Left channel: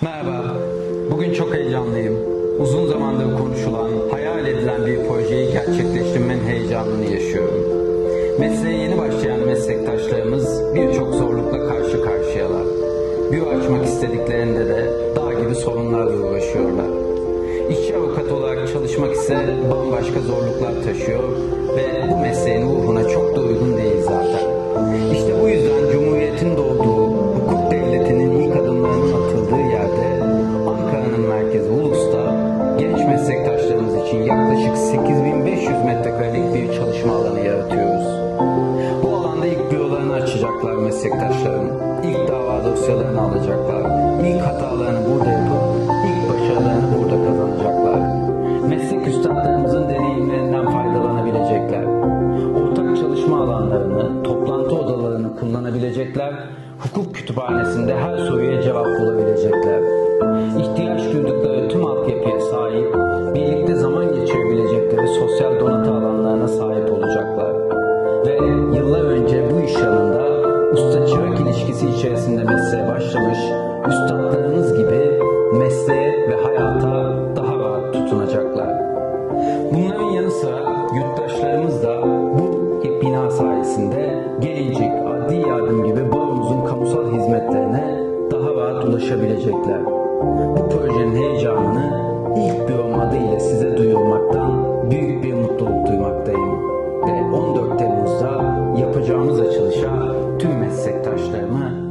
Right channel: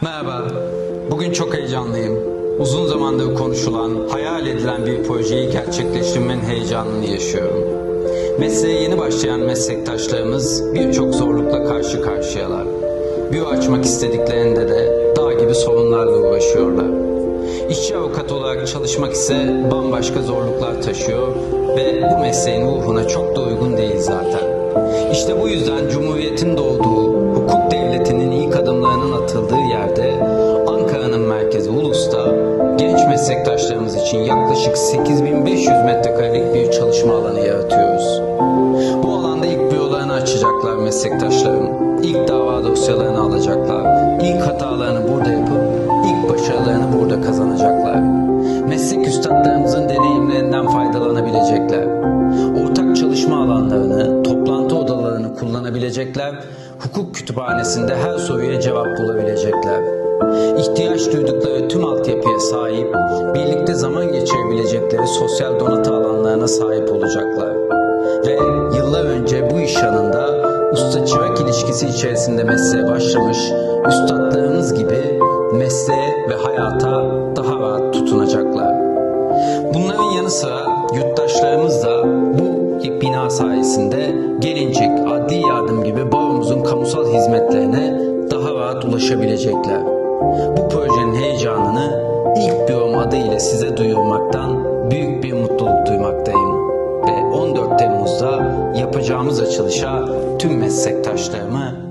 Merhaba. Bugün çok heyecanlıyım. Uzun zamandır konuşulan, hayal edilen bir projeyi gerçekleştirmenin heyecanını yaşıyorum. Mesleğe yeni başlayan meslektaşlarımız birçok zorlukla karşı karşıyalar. Büro açmak istediklerinde de dağ gibi sorunlarla uğraşıyorlar. İşçi avukat olarak çalışmak ise bambaşka zorluklar taşıyor ve bu mesleğin ruhuna çok da uygun değil zaten. İşte bu yüzden Cumhuriyet'in doğduğu, hukuk adımlarının atıldığı yerde Ankara'nın merkezi Ulus'ta genç meslektaşlarımız için yaklaşık 8500 metrekarelik bir çalışma alanı yaratıyoruz. Bu alanda ilk bürolarını açacaklar meslektaşlarım. İlk dava dosyalarını alacaklar. İlk hatalarını burada yapıp ilk başarılarını burada kazanacaklar. Meslek üstadlarımızın deneyimlerinden faydalanabilecekler. Ortak çalışma alanlarını, kullanabilecekler. Hukuk kütüphanesinde her soruya cevap bulabilecekler. İhtiyaç duydukları tüm altyapıya sahip, birlikte zaman geçirebilecekleri sosyal donatı alanlarına sahip olacaklar ve yıllar önce bu iş yanında usta çırak ilişkisi içerisinde mesleğe başlamış üstadlarımız gibi mesleğe ve hayata daha rahat tutunacaklar. Bunların yanı sıra yurttaşlarımız da bina sayesinde gelincik, adli yardım gibi baromuzun kamusal hizmetlerine daha rahat ulaşabilecekler. Bu projenin heyecanını ilk bürom adı ile size duyurmaktan büyük bir mutluluk duymaktayım. Ve 14 Temmuz'da yapacağımız açılışa tüm meslektaşlarımı